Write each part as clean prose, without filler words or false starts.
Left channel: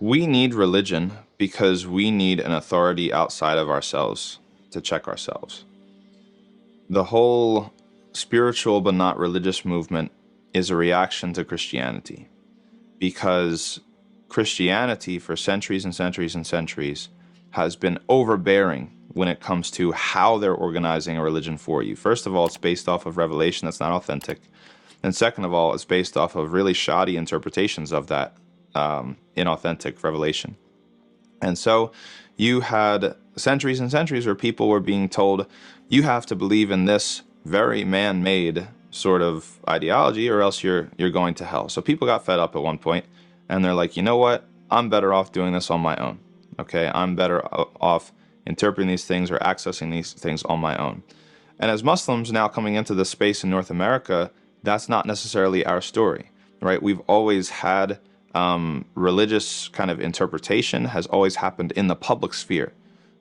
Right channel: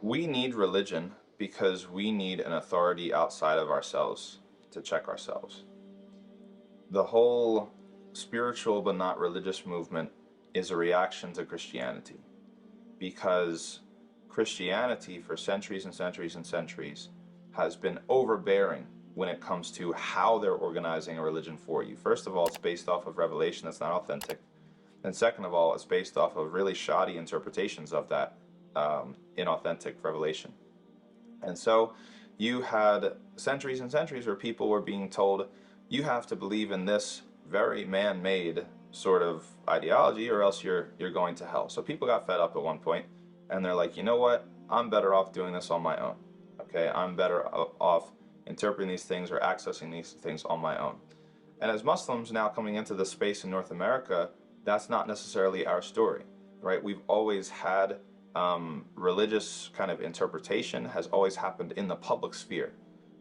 We need religion because we need an authority outside of ourselves to check ourselves. The whole spiritual but not religious movement is a reaction to Christianity, because Christianity for centuries and centuries and centuries has been overbearing when it comes to how they're organizing a religion for you. First of all, it's based off of revelation that's not authentic. And second of all, it's based off of really shoddy interpretations of that inauthentic revelation. And so you had centuries and centuries where people were being told, you have to believe in this very man-made sort of ideology or else you're going to hell. So people got fed up at one point and they're like, you know what? I'm better off doing this on my own. Okay, I'm better off interpreting these things or accessing these things on my own. And as Muslims now coming into this space in North America, that's not necessarily our story, right? We've always had religious kind of interpretation has always happened in the public sphere,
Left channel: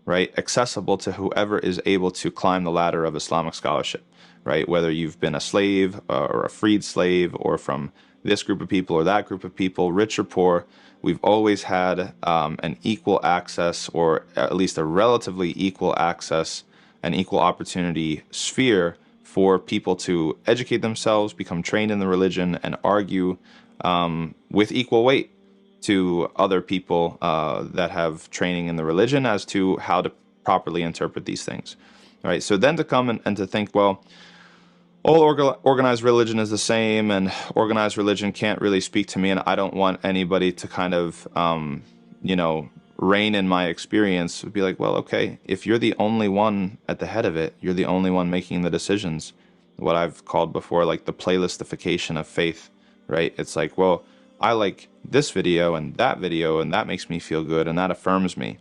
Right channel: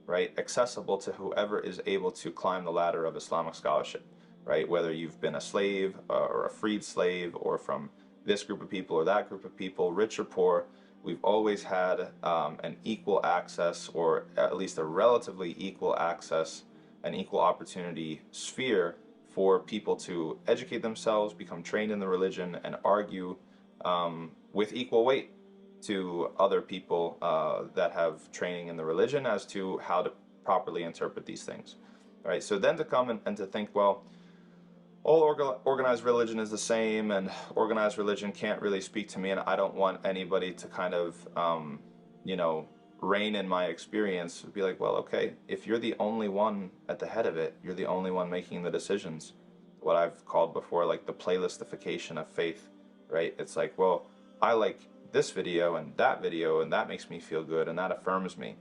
right? Accessible to whoever is able to climb the ladder of Islamic scholarship, right? Whether you've been a slave or a freed slave or from this group of people or that group of people, rich or poor, we've always had an equal access, or at least a relatively equal access, an equal opportunity sphere for people to educate themselves, become trained in the religion, and argue with equal weight to other people that have training in the religion as to how to properly interpret these things. Right? So then to come and to think, well, all organized religion is the same, and organized religion can't really speak to me, and I don't want anybody to kind of, reign in my experience. Would be like, well, okay, if you're the only one at the head of it, you're the only one making the decisions. What I've called before, like the playlistification of faith, right? It's like, well, I like this video and that makes me feel good and that affirms me.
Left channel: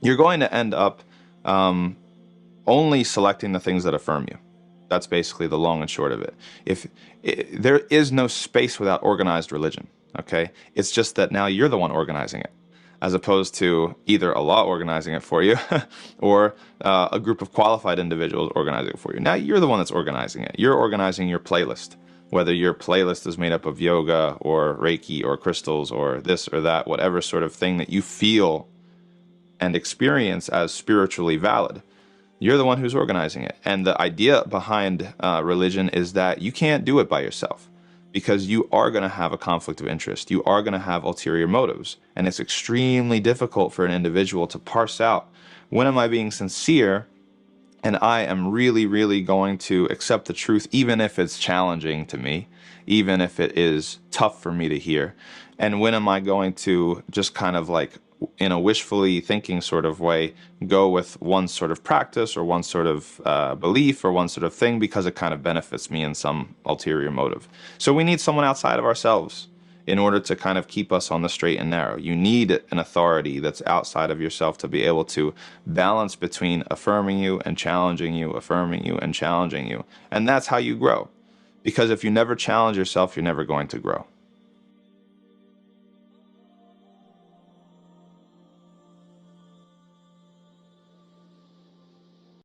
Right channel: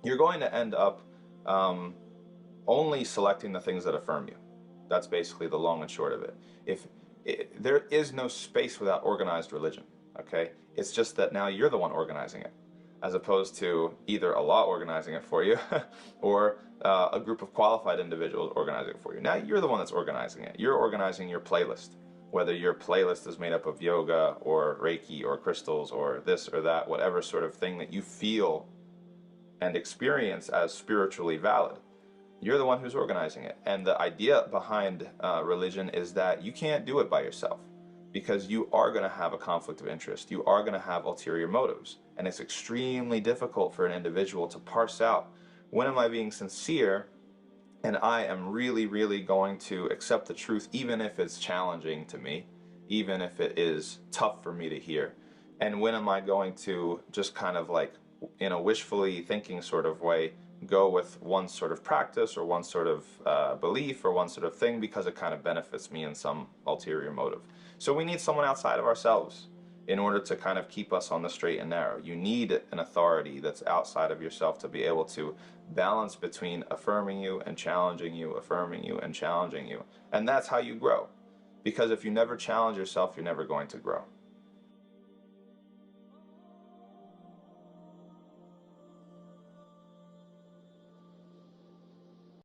You're going to end up only selecting the things that affirm you. That's basically the long and short of it. There is no space without organized religion, okay? It's just that now you're the one organizing it, as opposed to either Allah organizing it for you or a group of qualified individuals organizing it for you. Now you're the one that's organizing it. You're organizing your playlist, whether your playlist is made up of yoga or Reiki or crystals or this or that, whatever sort of thing that you feel and experience as spiritually valid. You're the one who's organizing it. And the idea behind religion is that you can't do it by yourself, because you are going to have a conflict of interest. You are going to have ulterior motives. And it's extremely difficult for an individual to parse out, when am I being sincere and I am really, really going to accept the truth, even if it's challenging to me, even if it is tough for me to hear. And when am I going to just kind of like, in a wishfully thinking sort of way, go with one sort of practice or one sort of belief or one sort of thing because it kind of benefits me in some ulterior motive. So we need someone outside of ourselves in order to kind of keep us on the straight and narrow. You need an authority that's outside of yourself to be able to balance between affirming you and challenging you, affirming you and challenging you. And that's how you grow. Because if you never challenge yourself, you're never going to grow.